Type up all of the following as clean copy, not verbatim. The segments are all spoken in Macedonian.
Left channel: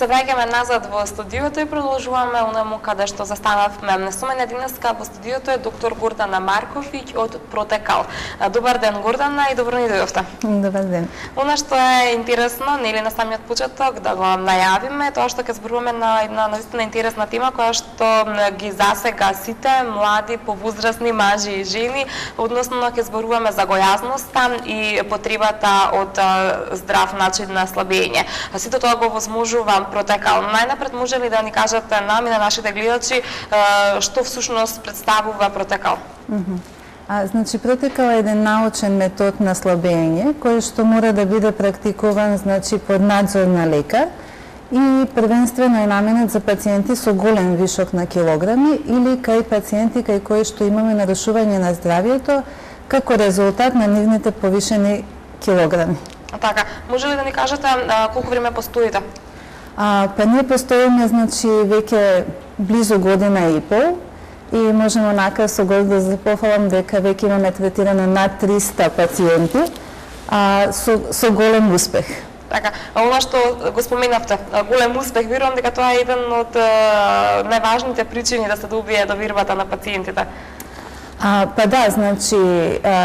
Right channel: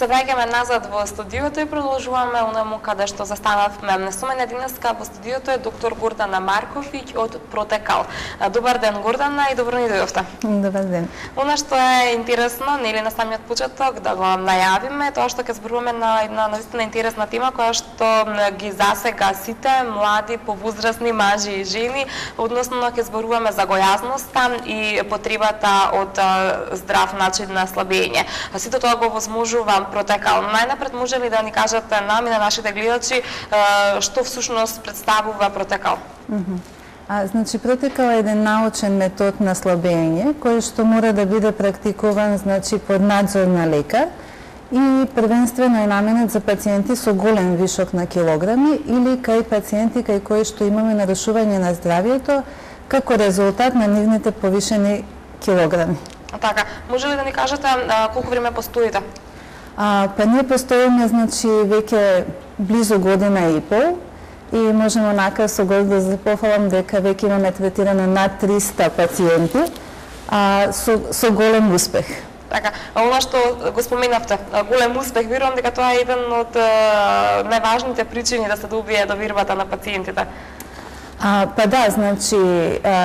Се враќаме назад во студиото и продолжуваме онаму каде што застанавме. Со мене денеска во студиото е доктор Гордана Марковиќ од Протекал. Добар ден, Гордана, и добро ни дојдовте. Добар ден. Она што е интересно, нели на самиот почеток да го најавиме, тоа што ќе зборуваме на една наистина интересна тема која што ги засега сите млади, повозрастни мажи и жени, односно ќе зборуваме за гојазноста и потребата од здрав начин на слабење. Сите тоа го возможува Протекал. Најнапред може ли да ни кажете нам и на нашите гледачи што всушност представува Протекал? Значи, Протекал е еден научен метод на слабење кој што мора да биде практикуван, значи, под надзор на лекар и првенствено е наменет за пациенти со голем вишок на килограми или кај пациенти кај кои што имаме нарушување на здравието како резултат на нивните повишени килограми. Така, може ли да ни кажете колку време постоите? Па ние постоиме, значи, веќе близу година и пол и можеме онака со горд да запофалам дека веќе имаме третирано над 300 пациенти со голем успех. Така, ова што го споменавте, голем успех, верувам дека тоа е еден од најважните причини да се добие довербата на пациентите. Па да, значи,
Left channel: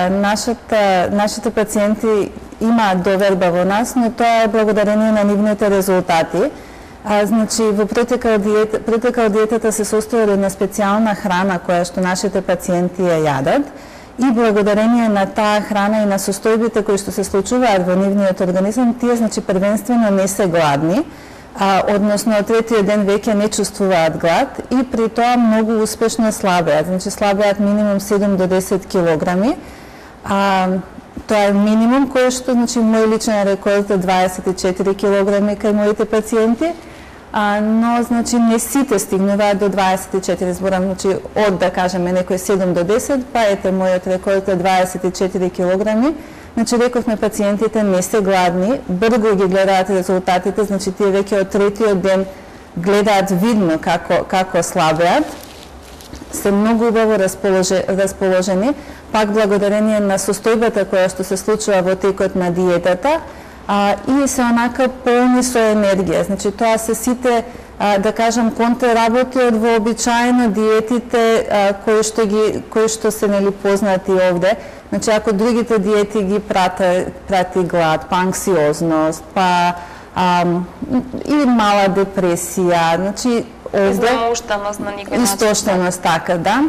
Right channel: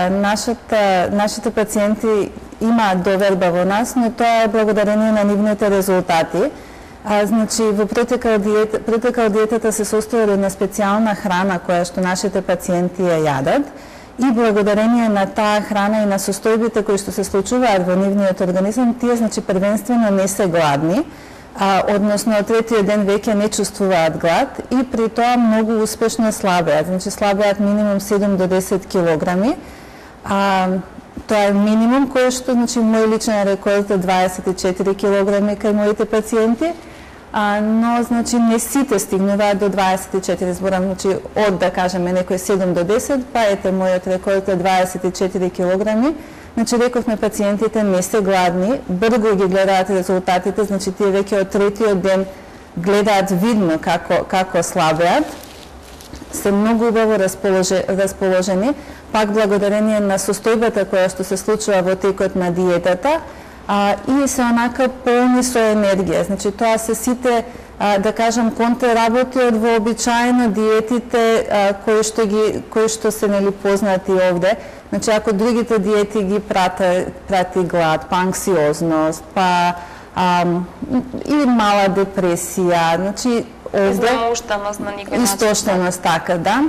нашите пациенти имаат доверба во нас, но тоа е благодарение на нивните резултати. Значи, во Протекал диетата се состои од една специјална храна која што нашите пациенти ја јадат и благодарение на таа храна и на состојбите кои што се случуваат во нивниот организам, тие, значи, првенствено не се гладни, односно од третиот ден веќе не чувствуваат глад и при тоа многу успешно слабеат, значи слабеат минимум 7 до 10 килограми. Тоа е минимум кој што, значи, мој личен рекорд е 24 килограми кај моите пациенти, но, значи, не сите стигнуваат до 24, зборам, значи, од, да кажеме, некој 7 до 10, па ете, мојот рекорд е 24 килограми. Значи, рековме, пациентите не се гладни, брзо ги гледаат резултатите, значи, тие веќе од третиот ден гледаат видно како слабеат, се многу убаво расположени, пак благодарение на состојбата која што се случува во текот на диетата, и се онака полни со енергија. Значи, тоа се сите, да кажам, контраработи од вообичаено диетите кои што се, нели, познати овде. Значи, ако другите диети ги прати глад, па анксиозност, па и мала депресија, значи, овде истоштеност, така, да.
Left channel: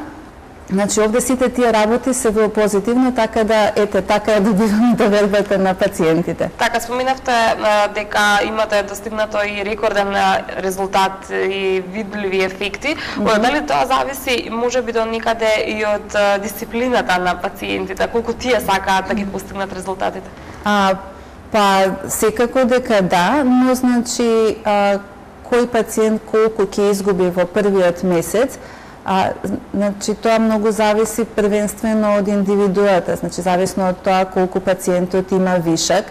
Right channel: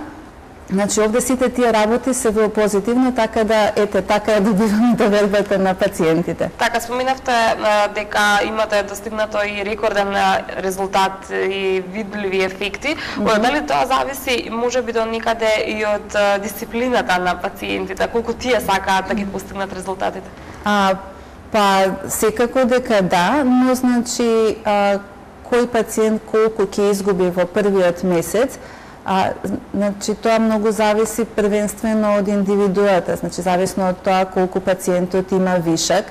Значи, овде сите тие работи се во позитивно, така да, ете, така е добиваме довербата на пациентите. Така, споменавте дека имате достигнато и рекорден резултат и видливи ефекти. Дали тоа зависи, може би, до никаде и од дисциплината на пациентите? Колку тие сакаат да ги постигнат резултатите? Па, секако дека да, но, значи, кој пациент колку ќе изгуби во првиот месец, значи, тоа многу зависи првенствено од индивидуата, значи, зависно од тоа колку пациентот има вишак.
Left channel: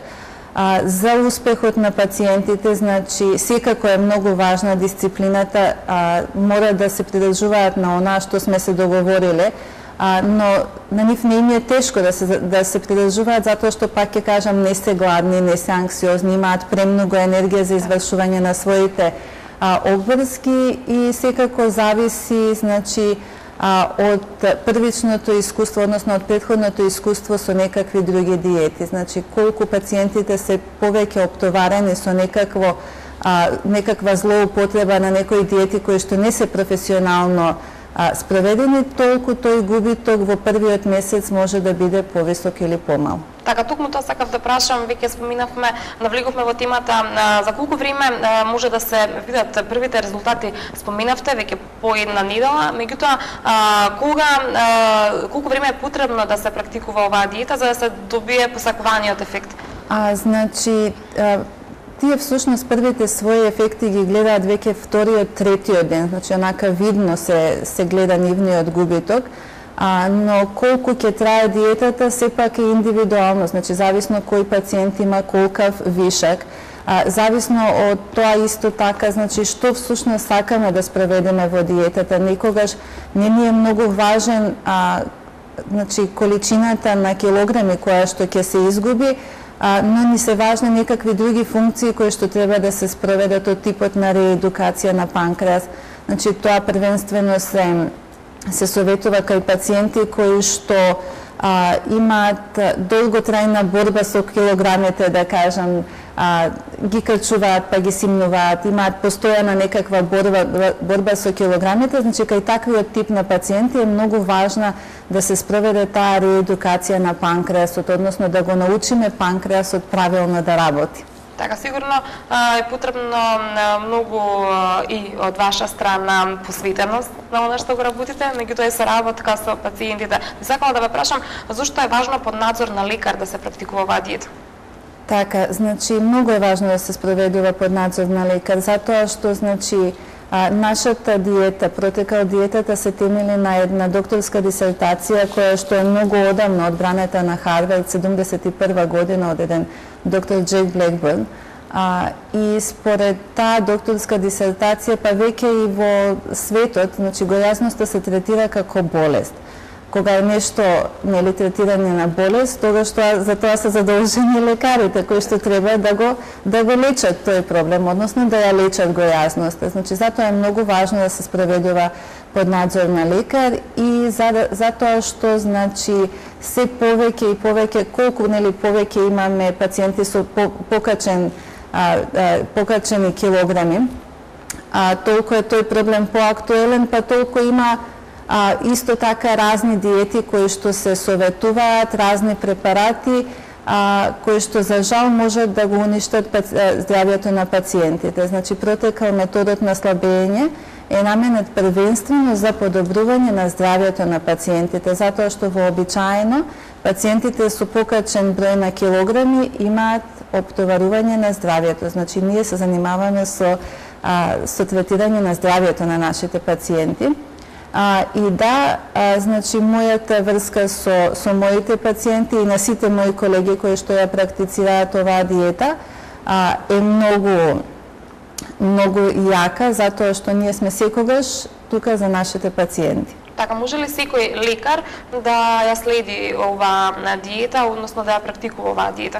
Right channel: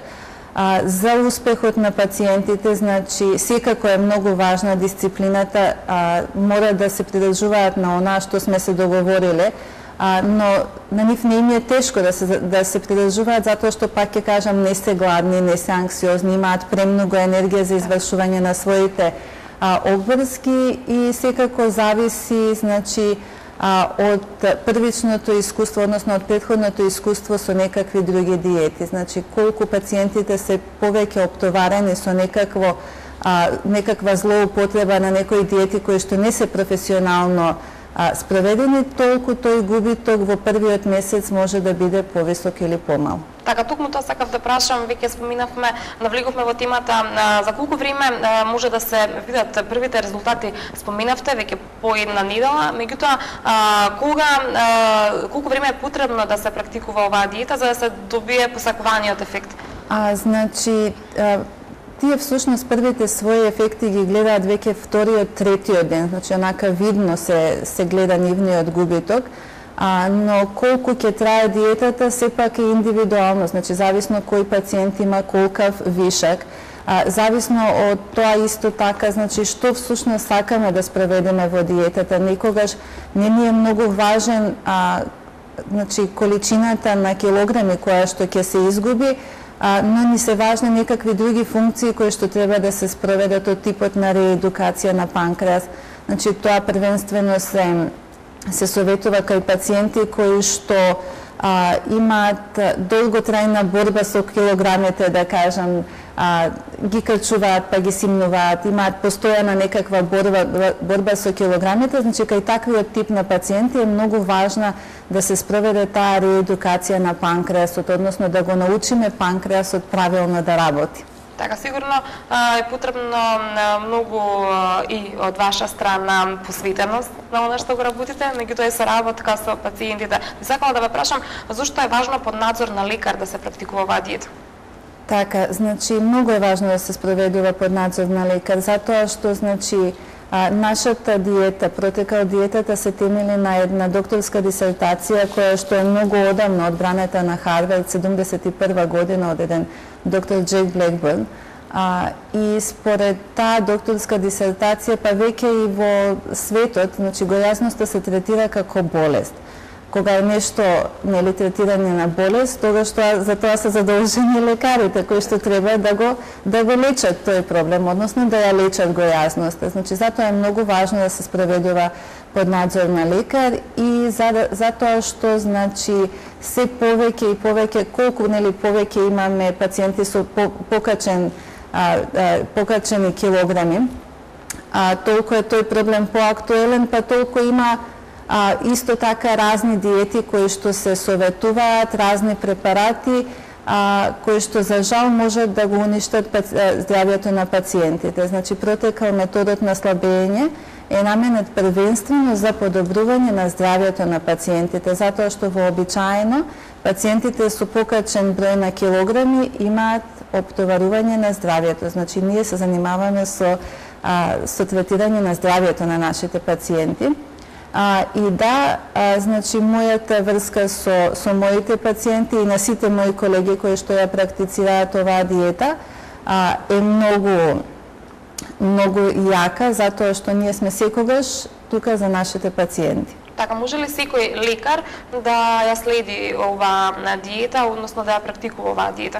За успехот на пациентите, значи, секако е многу важна дисциплината, мора да се придржуваат на онаа што сме се договориле, но на нив не им е тешко да се придржуваат, затоа што, пак ќе кажам, не се гладни, не се анксиозни, имаат премногу енергија за извршување на своите обврски и секако зависи, значи, од првичното искуство, односно од претходното искуство со некакви други диети. Значи, колку пациентите се повеќе оптоварени со некаква злоупотреба на некои диети кои што не се професионално спроведени, толку тој губиток во првиот месец може да биде повисок или помал. Така, токму тоа сакав да прашам, веќе споминавме, навлегувме во темата, за колку време може да се видат првите резултати? Споминавте веќе по една недела, меѓутоа колку време е потребно да се практикува оваа диета за да се добие посакуваниот ефект? Значи, тие всушност првите своји ефекти ги гледаат веќе вториот, третиот ден, значи онака видно се гледа нивниот губиток, но колку ќе трае диетата сепак е индивидуално, значи зависно кој пациент има колкав вишак, зависно од тоа исто така, значи што всушност сакаме да спроведеме во диетата. Никогаш не ни е многу важен, значи, количината на килограми која што ќе се изгуби, но ни се важни некакви други функции кои што треба да се спроведат од типот на реедукација на панкреас. Значи, тоа првенствено се советува кај пациенти кои што имаат долготрајна борба со килограмите, да кажам, ги крчуваат, па ги симнуваат, имаат постојана некаква борба со килограмите, значи кај таквиот тип на пациенти е многу важна да се спроведе таа реедукација на панкреасот, односно да го научиме панкреасот правилно да работи. Така, сигурно е потребно многу и од ваша страна посветеност на оно што го работите, меѓутоа се работа така со пациентите. Би сакала да ве прашам, зошто е важно под надзор на лекар да се практикува оваа диета? Така, значи, многу е важно да се спроведува под надзор на лекар, затоа што, значи, нашата диета, протекал диетата се темели на една докторска дисертација која што е многу одамна одбраната на Харвард 71 година од еден доктор Джек Блекбърн. И според таа докторска дисертација, па веќе и во светот, значи, гојазноста се третира како болест. Кога е нешто нели третирање на болест, тогаш за тоа се задолжени лекарите кои што треба да го лечат тој проблем, односно да ја лечат гојазноста. Значи, затоа е многу важно да се спроведува под надзор на лекар и затоа што, значи, се повеќе и повеќе, колку нели повеќе имаме пациенти со покачени килограми, толку е тој проблем поактуелен, па толку има исто така разни диети кои што се советуваат, разни препарати кои што за жал можат да го уништат здравјето на пациентите. Значи, протекал методот на слабење е наменет првенствено за подобрување на здравјето на пациентите, затоа што вообичаено пациентите со покачен број на килограми имаат оптоварување на здравјето. Значи, ние се занимаваме со третирање на здравјето на нашите пациенти. И да, значи, мојата врска со моите пациенти и на сите мои колеги кои што ја практицираат оваа диета е многу јака, затоа што ние сме секогаш тука за нашите пациенти. Така, може ли секој лекар да ја следи оваа диета, односно да ја практикува оваа диета?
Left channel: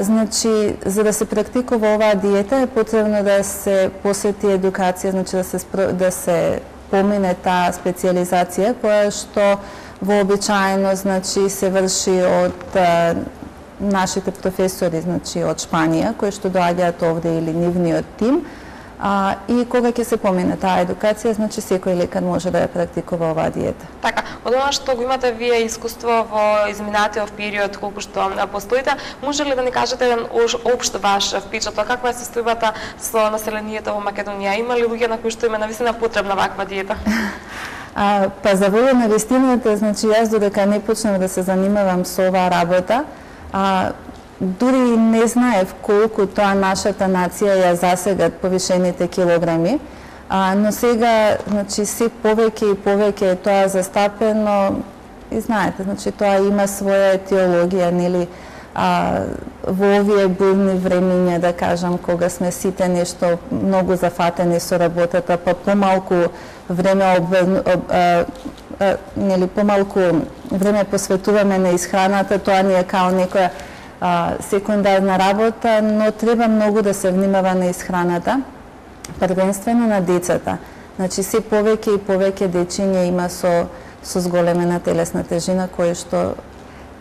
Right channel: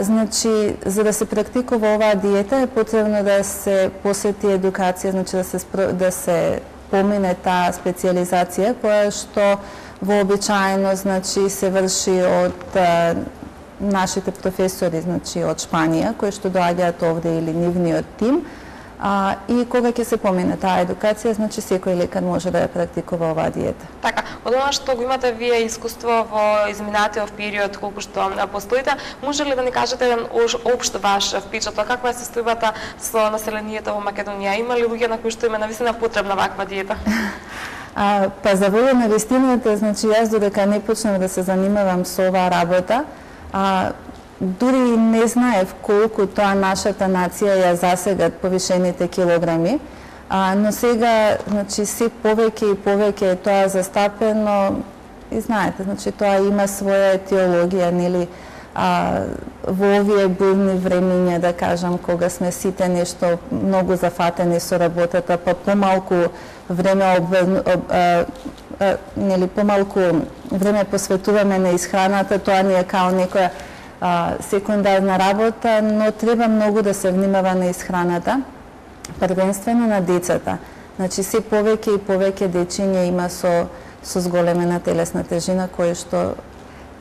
Значи, за да се практикува оваа диета е потребно да се посети едукација, значи да се помине таа специјализација која што вообичаено, значи, се врши од нашите професори, значи, од Шпанија, кои што доаѓаат овде или нивниот тим. И кога ќе се помине таа едукација, значи секој лекар може да ја практикува оваа диета. Така, од она што го имате вие искуство во изминатиот период, колку што постоите, може ли да ни кажете еден општ ваш впечаток, каква е состојбата со населението во Македонија? Има ли луѓе на кои што им е навистина потребна ваква диета? Па за воля на вистината, значи јас додека не почнав да се занимавам со оваа работа, дури не знаев колку тоа нашата нација ја засегат повишените килограми, но сега, значи, се повеќе и повеќе е тоа застапено и знаете, значи, тоа има своја етиологија, нели, во овие бурни времиња, да кажам, кога сме сите нешто многу зафатени со работата, па помалку време нели, помалку време посветуваме на исхраната, тоа ни е као некоја секундарна работа, но треба многу да се внимава на исхраната, првенствено на децата. Значи, се повеќе и повеќе дечиња има со зголемена телесна тежина, кои што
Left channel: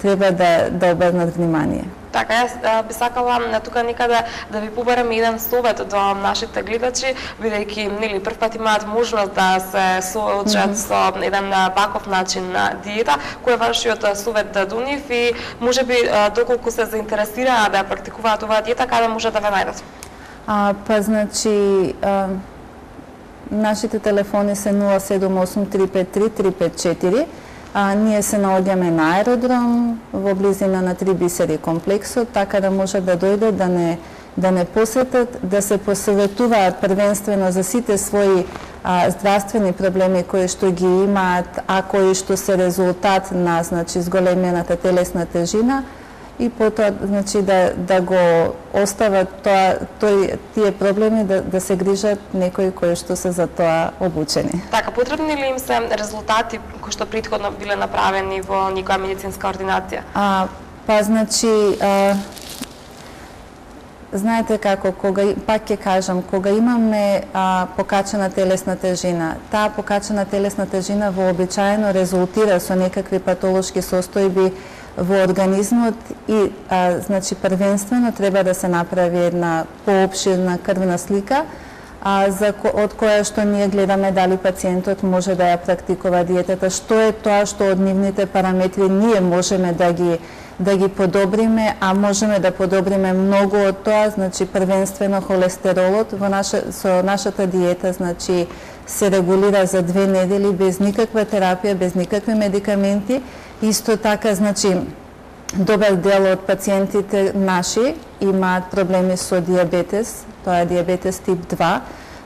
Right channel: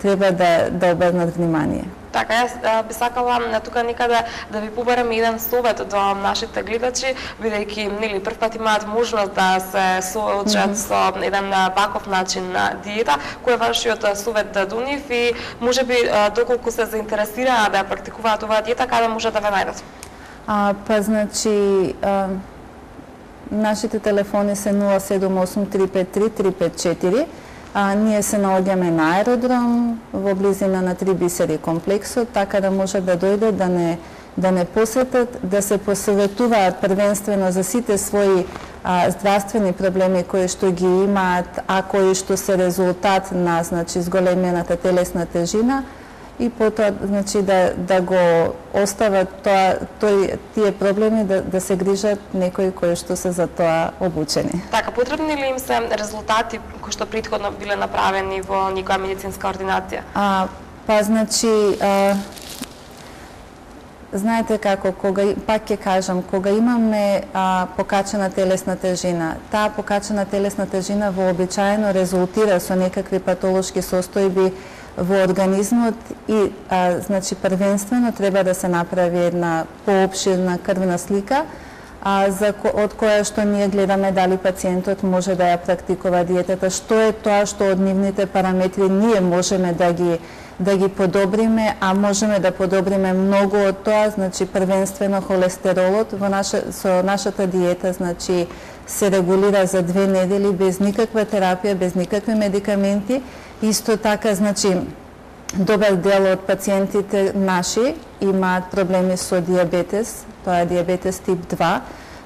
треба да обрнат внимание. Така, јас би сакала тука некаде да ви побарам еден совет до нашите гледачи, бидејќи нели прв пат имаат можност да се соочат со еден ваков начин на диета, кој е вашиот совет да донив и можеби доколку се заинтересираа да практикуваат оваа диета, каде може да ве најдат? Па значи нашите телефони се 078-353-354. Ние се наоѓаме на аеродром во близина на Три бисери комплексот, така да можат да дојдат да не посетат, да се посоветуваат првенствено за сите своји здравствени проблеми кои што ги имаат, а кои што се резултат на, значи, зголемената телесна тежина, и потоа, значи, да го остават тие проблеми да се грижат некои кои што се за тоа обучени. Така, потребни ли им се резултати кои што претходно биле направени во некоја медицинска ординација? Па, значи, знаете како, пак ќе кажам, кога имаме покачена телесна тежина, таа покачена телесна тежина вообичаено резултира со некакви патолошки состојби во организмот и, значи, првенствено треба да се направи една поопширна крвна слика, од која што ние гледаме дали пациентот може да ја практикува диетата, што е тоа што од нивните параметри ние можеме да ги подобриме, а можеме да подобриме многу од тоа, значи првенствено холестеролот со нашата диета, значи се регулира за 2 недели без никаква терапија, без никакви медикаменти. Исто така, значи, добар дел од пациентите наши имаат проблеми со диабетес, тоа е диабетес тип 2,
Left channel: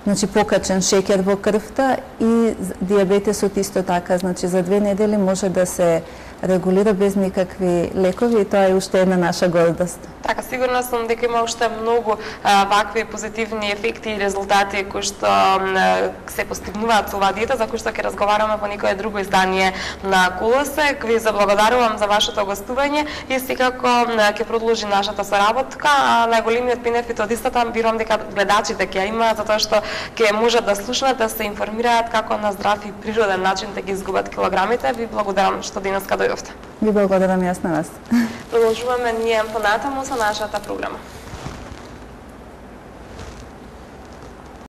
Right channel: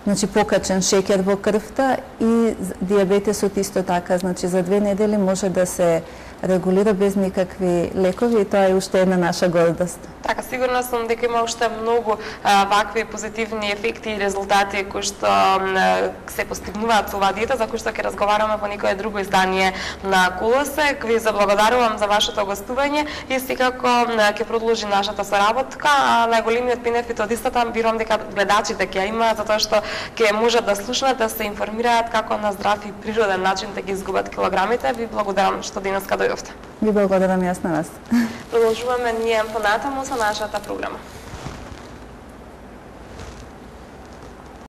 значи покачен шеќер во крвта, и диабетесот исто така, значи за 2 недели може да се регулира без никакви лекови, и тоа е уште една наша гордост. Така, сигурна сум дека има уште многу вакви позитивни ефекти и резултати кои што се постигнуваат со оваа диета, за кои што ќе разговараме во некое друго издание на Колосек. Ви заблагодарувам за вашето гостување и секако ќе продолжи нашата соработка, а најголемиот бенефит од истата верувам дека гледачите ќе имаат, затоа што ќе можат да слушнат, да се информираат како на здрав и природен начин да ги изгубат килограмите. Ви благодарам што денеска дојдовте. Ви благодарам јас на вас. Продолжуваме ние понатаму со нашата програма.